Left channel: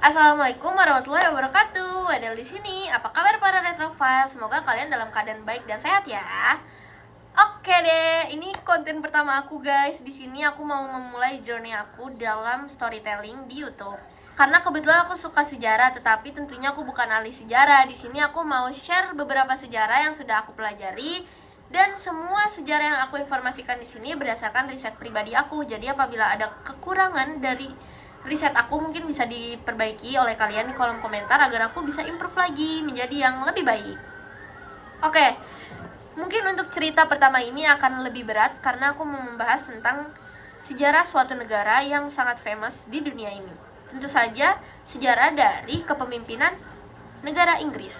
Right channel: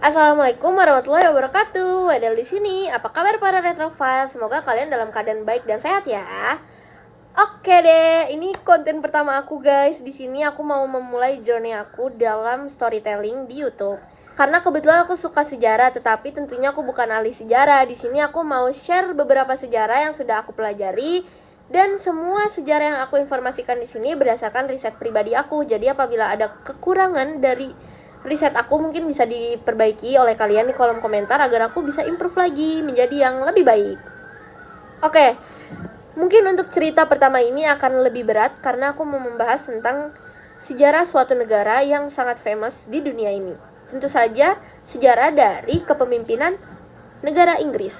Assalamualaikum warahmatullahi wabarakatuh. Adel di sini. Apa kabar para retrofile? Semoga kalian dalam keadaan baik dan sehat ya. Oke deh, ini konten pertama aku guys. Di sini aku mau memulai journey aku dalam storytelling di YouTube. Karena kebetulan aku suka sejarah, tetapi tentunya aku bukan ahli sejarah. Di sini aku mau share beberapa sejarah yang sudah aku pelajari, dan semua sejarah yang aku informasikan di sini berdasarkan riset pribadi aku. Jadi apabila ada kekurangan dari riset aku mungkin bisa diperbaiki oleh kalian di kolom komentar agar aku bisa improve lagi menjadi yang lebih baik. Oke, mungkin untuk cerita pertama ini akan lebih berat karena aku mau membahas tentang sejarah suatu negara yang sangat famous di dunia ini. Tentu saja sejarah dari kepemimpinan negara Inggris.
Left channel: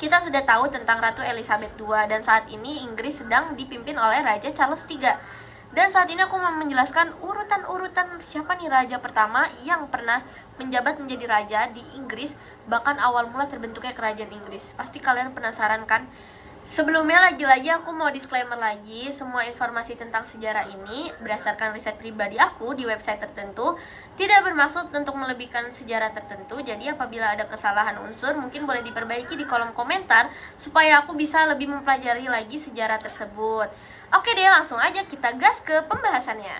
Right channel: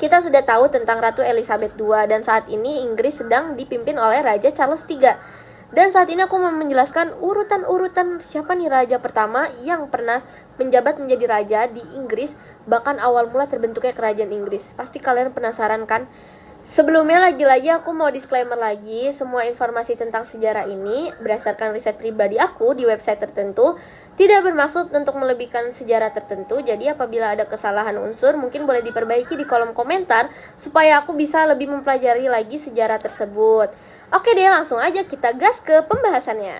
Kita sudah tahu tentang Ratu Elizabeth II dan saat ini Inggris sedang dipimpin oleh Raja Charles III. Dan saat ini aku mau menjelaskan urutan-urutan siapa nih raja pertama yang pernah menjabat menjadi raja di Inggris, bahkan awal mula terbentuknya kerajaan Inggris. Pasti kalian penasaran kan? Sebelumnya lagi-lagi aku mau disclaimer lagi, semua informasi tentang sejarah ini berdasarkan riset pribadi aku di website tertentu, tidak bermaksud untuk melebihkan sejarah tertentu. Jadi apabila ada kesalahan unsur mungkin boleh diperbaiki di kolom komentar supaya aku bisa lebih mempelajari lagi sejarah tersebut. Oke deh, langsung aja kita gas ke pembahasannya.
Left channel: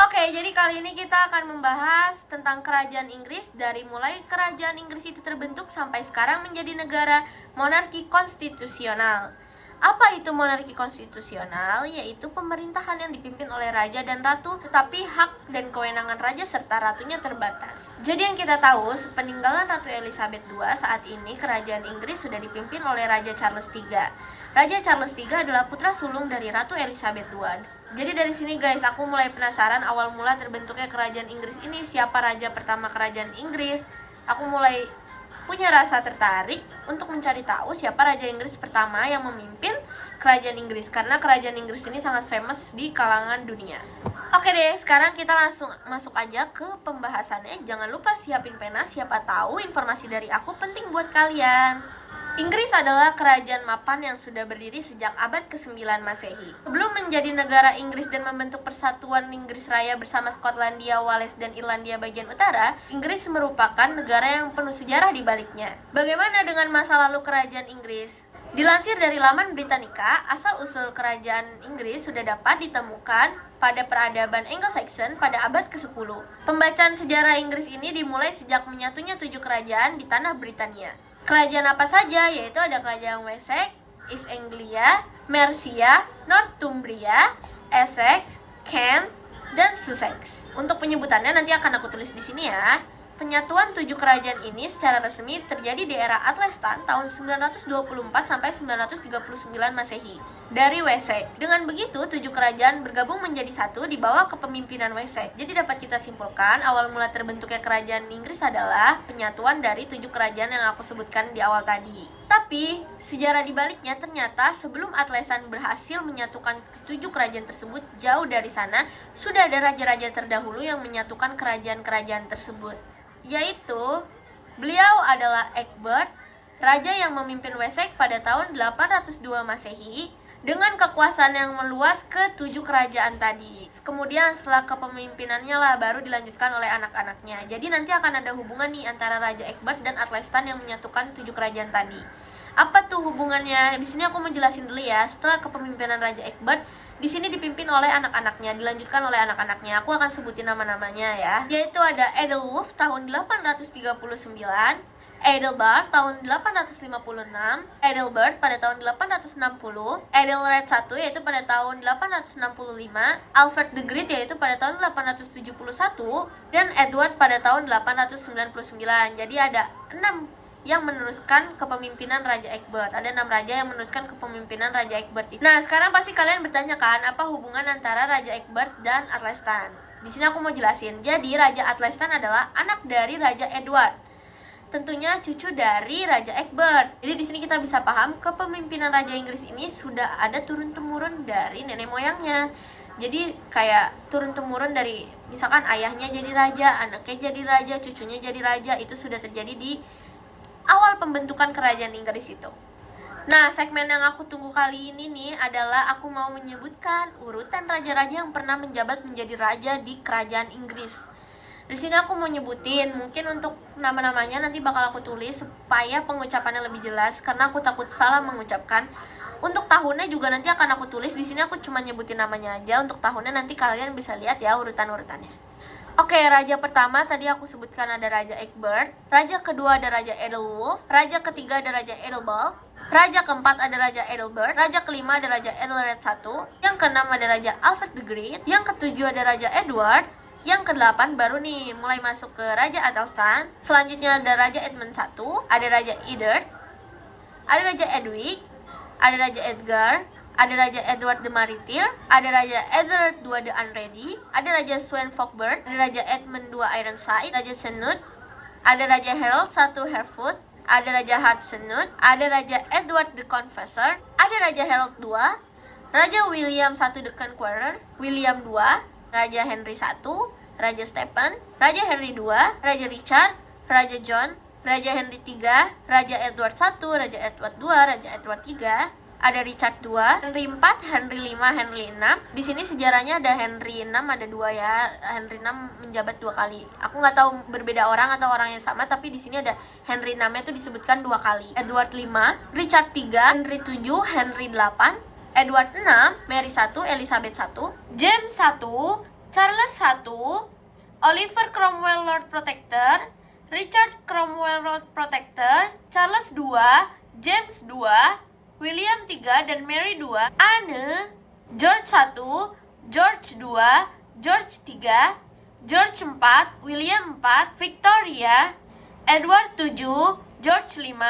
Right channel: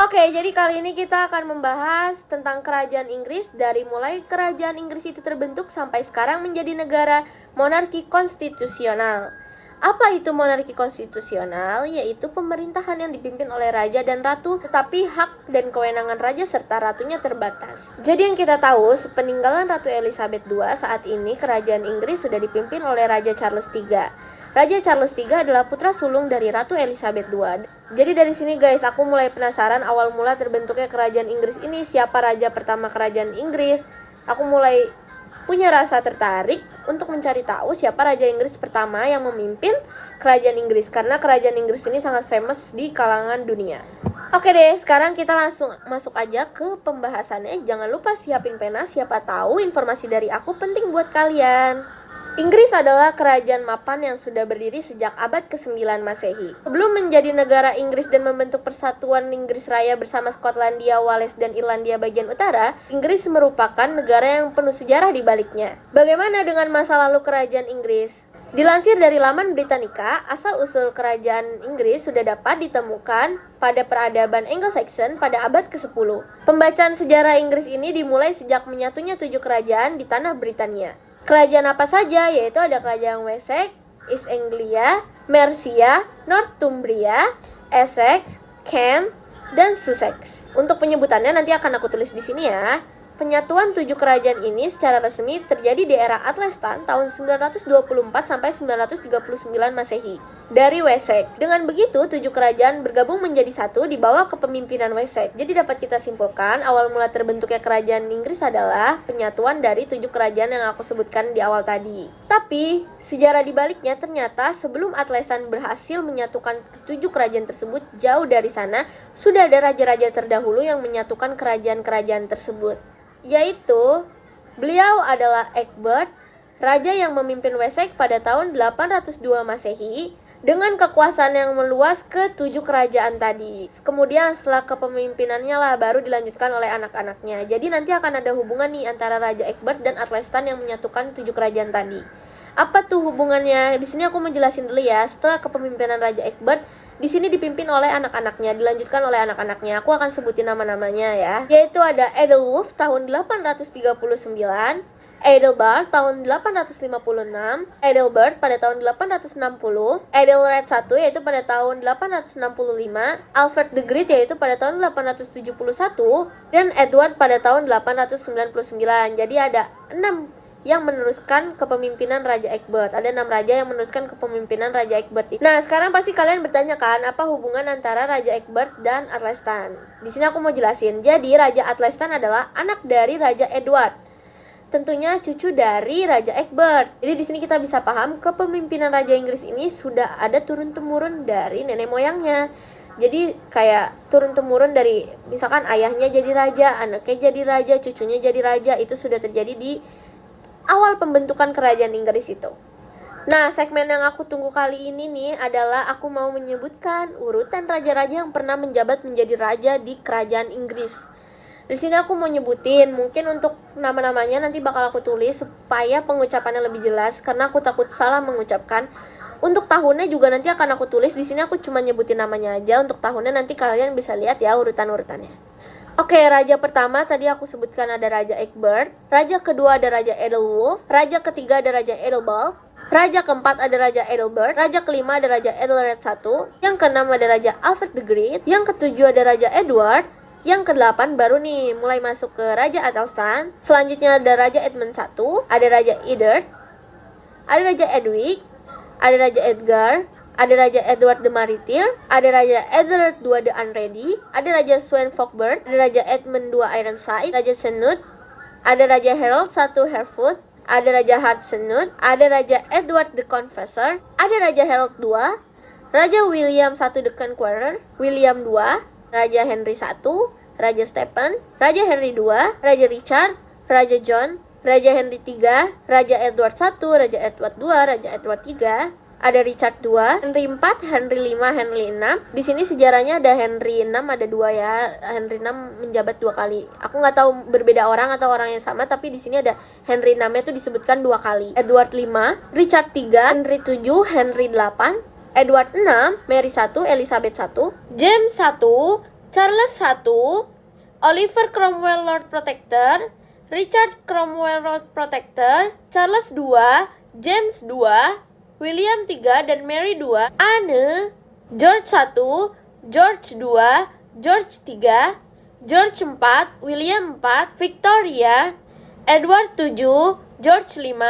Oke, jadi kali ini kita akan membahas tentang kerajaan Inggris dari mulai kerajaan Inggris itu terbentuk sampai sekarang menjadi negara monarki konstitusional. Apa itu monarki konstitusional? Yaitu pemerintahan yang dipimpin oleh raja dan ratu, tetapi hak dan kewenangan raja serta ratunya terbatas. Jadi yang kita tahu, sepeninggalan Ratu Elizabeth II, saat ini kerajaan Inggris sudah dipimpin oleh Raja Charles III. Raja Charles III adalah putra sulung dari Ratu Elizabeth II. Jadi dari sini guys, aku mulai penasaran awal mula terbentuknya kerajaan Inggris ini, siapa raja pertama kerajaan Inggris. Aku mulai punya rasa tertarik untuk mencari tahu siapa raja Inggris pertama yang memimpin kerajaan Inggris, karena kerajaan Inggris ini sangat famous di kalangan dunia. Oke deh, sekarang kita langsung masuk aja ke pembahasannya. Jangan lupa siapin pena, siapa tahu informasi dari aku penting buat kalian. Inggris adalah kerajaan mapan yang sudah berdiri sejak abad ke-9 Masehi. Sebelum menjadi negara Inggris dan membentuk persatuan Inggris Raya bersama Skotlandia, Wales, dan Irlandia bagian utara, Inggris merupakan negara yang penuh sejarah di baliknya. Bagaimana dengan masa lalu kerajaan Inggris? Dilansir dari laman Britannica, asal-usul kerajaan Inggris sudah dapat ditemukan pada peradaban Anglo-Saxon pada abad ke-10. Pembacaan sejarah Inggris ini dimulai sejak menyatunya 7 kerajaan di tanah Britania. Kerajaan apa saja? Yaitu ada kerajaan Wessex, East Anglia, Mercia, Northumbria, Essex, Kent, dan Sussex. Untuk penyebutannya nanti akan aku tulis di sini ya. Penyatuan 7 kerajaan ini secara resmi terjadi di era Athelstan tahun 924 sampai 939 Masehi dari Wessex. Dengan begitu, 7 kerajaan bergabung menjadi satu di bawah kepemimpinan Wessex. Jadi dapat kita simpulkan, awal mula terbentuknya kerajaan Inggris adalah penyatuan dari 7 kerajaan yang aku sebutkan di awal tadi. Tapi, sejarah dibaliknya ternyata sebelum Athelstan berhasil menyatukan 7 kerajaan tersebut, jauh dari sana sudah ada raja-raja terdahulu yang menyatukan kerajaan-kerajaan tersebut. Yaitu, beliau adalah Egbert, raja yang memimpin Wessex pada tahun 802 Masehi, dengan kekuasaan yang meluas ke 7 kerajaan tadi. Kemudian setelah kepemimpinannya lah baru dilanjutkan oleh anak-anaknya. Jadi nanti akan ada hubungan nih antara Raja Egbert dan Athelstan yang menyatukan 7 kerajaan tadi. Apa tuh hubungannya? Di sini aku mau jelasin dulu ya. Setelah kepemimpinan Raja Egbert, di sini dipimpin oleh anak-anaknya, dilanjutkan oleh anak-anaknya. Aku akan sebutin nama-namanya ya. Yaitu ada Edelwulf tahun 839, Edelbert tahun 856, Edelbert pada tahun 860, Edelred I yaitu pada tahun 865, Alfred the Great yaitu pada tahun 871, dan Edward pada tahun 899. Jadi ada 6 yang meneruskan kepemimpinan Raja Egbert. Ada 6 raja yang meneruskan kepemimpinan Raja Egbert. Nah, sekarang pasti kalian bertanya kan, apa hubungan antara Raja Egbert dan Athelstan? Di sini aku mau jelasin. Jadi, Raja Athelstan adalah anak dari Raja Edward. Tentunya cucu dari Raja Egbert. Jadi di sini kita bisa paham kepemimpinan Raja Inggris ini sudah ada turun-temurun dari nenek moyangnya. Jadi kayak turun-temurun dari misalkan ayahnya jadi raja, anaknya jadi raja, cucunya jadi raja. Itu sudah terjadi di awal pembentukan kerajaan Inggris itu. Nah, segmen yang aku tunggu kali ini nih adalah aku mau menyebutkan urutan raja-raja yang pernah menjabat menjadi raja di kerajaan Inggris. Di sini aku mau nyebutin, mungkin untuk nama-namanya nanti bakal aku tulis supaya pengucapannya lebih jelas karena aku takut salah mengucapkan. Untuk tahunnya juga nanti akan aku tulis. Di sini aku cuma nyebutin namanya aja. Untuk tahunnya nanti kalian bisa lihat ya urutan-urutannya. Oke, raja pertama tadi aku sebutkan ada Raja Egbert. Raja kedua ada Raja Edelwulf. Raja ketiga ada Raja Edelbald. Raja keempat ada Raja Edelbert. Raja kelima ada Raja Edelred I. Yang keenam ada Raja Alfred the Great. Yang ketujuh ada Raja Edward. Yang ke-8 baru nih mulai masuk ke Raja Athelstan. Selanjutnya ada Raja Edmund I, ada Raja Eadred, ada Raja Edwig, ada Raja Edgar, ada Raja Edward the Martyr, ada Raja Edelred II the Unready, ada Raja Sweyn Fokbert, ada Raja Edmund II Ironside, Raja Senut, ada Raja Harold I Harefoot, ada Raja Hartsenut, ada Raja Edward the Confessor, ada Raja Harold II, Raja William I the Conqueror, William II, Raja Henry I, Raja Stephen, Raja Henry II, Raja Richard, Raja John, Raja Henry III, Raja Edward I, Raja Edward II, Raja Edward III, ada Richard II, Henry IV, Henry V, Henry VI. Di sini sejarahnya ada Henry VI, ada dua ya. Henry VI menjabat 2 kali. Aku nggak tahu berbeda orang atau orang yang sama, tapi di sini ada Henry VI itu disebutkan 2 kali. Edward V, Richard III, Henry VII, Henry VIII, Edward VI, Mary I, Elizabeth I, James I, Charles I, Oliver Cromwell Lord Protector, Richard Cromwell Lord Protector, Charles II, James II, William III dan Mary II, Anne, George I, George II, George III, George IV, William IV, Victoria, Edward VII, George V,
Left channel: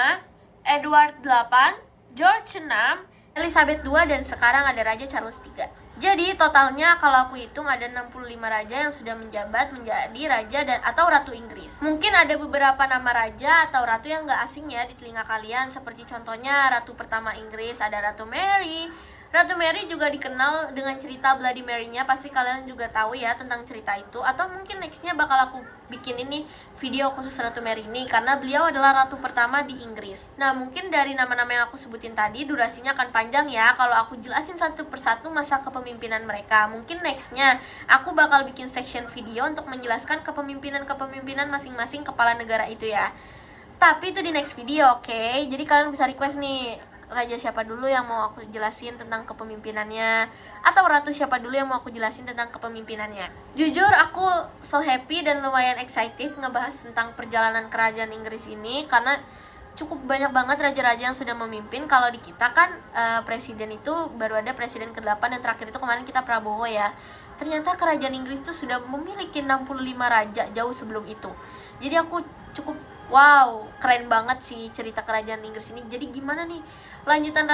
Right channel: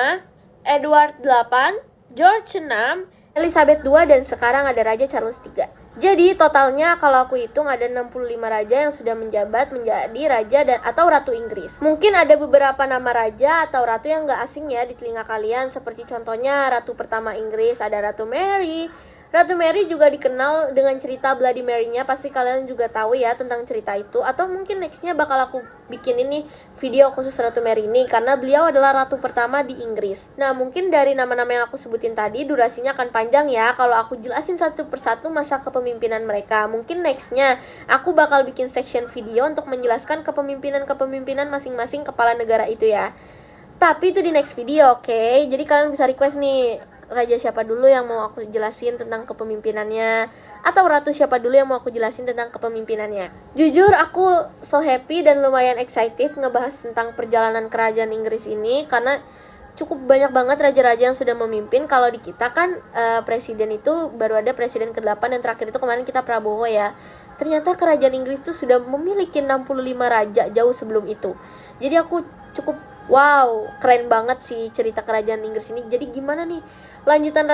Edward VIII, George VI, Elizabeth II, dan sekarang ada Raja Charles III. Jadi totalnya kalau aku hitung ada 65 raja yang sudah menjabat menjadi raja dan atau ratu Inggris. Mungkin ada beberapa nama raja atau ratu yang gak asing ya di telinga kalian, seperti contohnya ratu pertama Inggris ada Ratu Mary. Ratu Mary juga dikenal dengan cerita Bloody Mary-nya, pasti kalian juga tahu ya tentang cerita itu. Atau mungkin nextnya bakal aku bikin ini video khusus Ratu Mary ini, karena beliau adalah ratu pertama di Inggris. Nah mungkin dari nama-nama yang aku sebutin tadi durasinya akan panjang ya kalau aku jelasin satu persatu masa kepemimpinan mereka. Mungkin nextnya aku bakal bikin section video untuk menjelaskan kepemimpinan masing-masing kepala negara itu ya. Tapi itu di next video, oke? Jadi kalian bisa request nih, raja siapa dulu yang mau aku jelasin tentang kepemimpinannya, atau ratu siapa dulu yang mau aku jelasin tentang kepemimpinannya. Jujur aku so happy dan lumayan excited ngebahas tentang perjalanan kerajaan Inggris ini, karena cukup banyak banget raja-raja yang sudah memimpin. Kalau di kita kan presiden itu baru ada presiden ke-8 dan terakhir itu kemarin kita Prabowo ya. Ternyata kerajaan Inggris itu sudah memiliki 65 raja jauh sebelum itu. Jadi aku cukup wow, keren banget sih cerita kerajaan Inggris ini. Jadi gimana nih lanjutan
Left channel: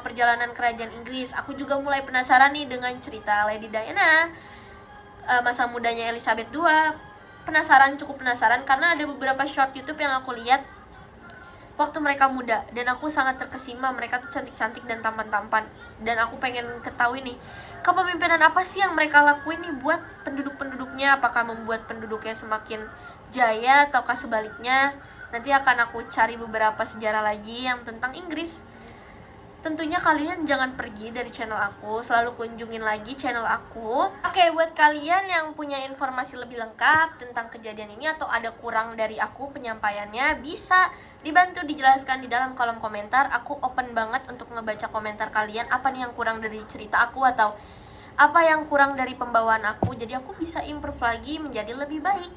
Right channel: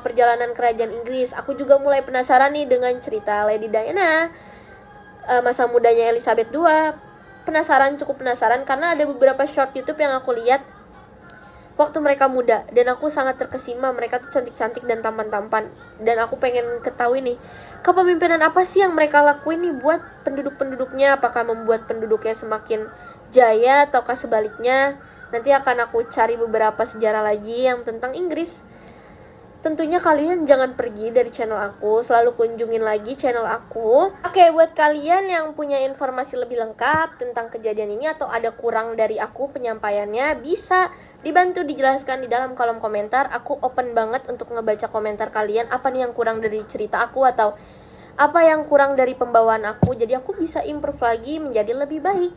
perjalanan kerajaan Inggris? Aku juga mulai penasaran nih dengan cerita Lady Diana, masa mudanya Elizabeth II. Cukup penasaran karena ada beberapa short YouTube yang aku lihat waktu mereka muda, dan aku sangat terkesima. Mereka tuh cantik-cantik dan tampan-tampan, dan aku pengen ketahui nih kepemimpinan apa sih yang mereka lakuin nih buat penduduk-penduduknya. Apakah membuat penduduknya semakin jaya ataukah sebaliknya? Nanti akan aku cari beberapa sejarah lagi yang tentang Inggris. Tentunya kalian jangan pergi dari channel aku, selalu kunjungin lagi channel aku. Oke, buat kalian yang punya informasi lebih lengkap tentang kejadian ini atau ada kurang dari aku penyampaiannya, bisa dibantu dijelaskan di dalam kolom komentar. Aku open banget untuk ngebaca komentar kalian, apa nih yang kurang dari cerita aku atau apa yang kurang dari pembawaan aku, jadi aku bisa improve lagi menjadi lebih baik.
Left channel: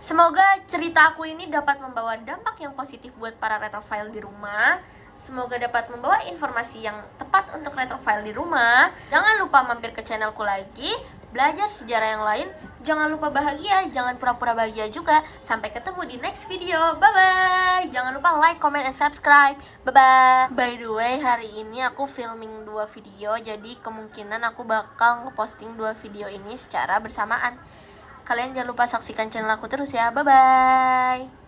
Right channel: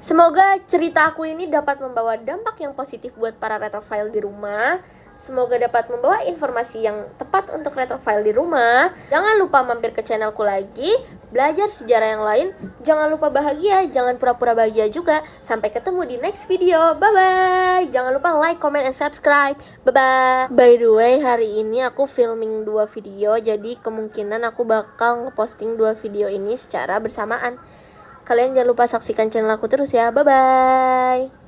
Semoga cerita aku ini dapat membawa dampak yang positif buat para retrophile di rumah. Semoga dapat membawa informasi yang tepat untuk retrophile di rumah. Jangan lupa mampir ke channelku lagi, belajar sejarah yang lain. Jangan lupa bahagia, jangan pura-pura bahagia juga. Sampai ketemu di next video. Bye-bye. Jangan lupa like, comment, and subscribe. Bye-bye. By the way, hari ini aku filming 2 video. Jadi kemungkinan aku bakal ngeposting 2 video ini secara bersamaan. Kalian jangan lupa saksikan channel aku terus ya. Bye-bye.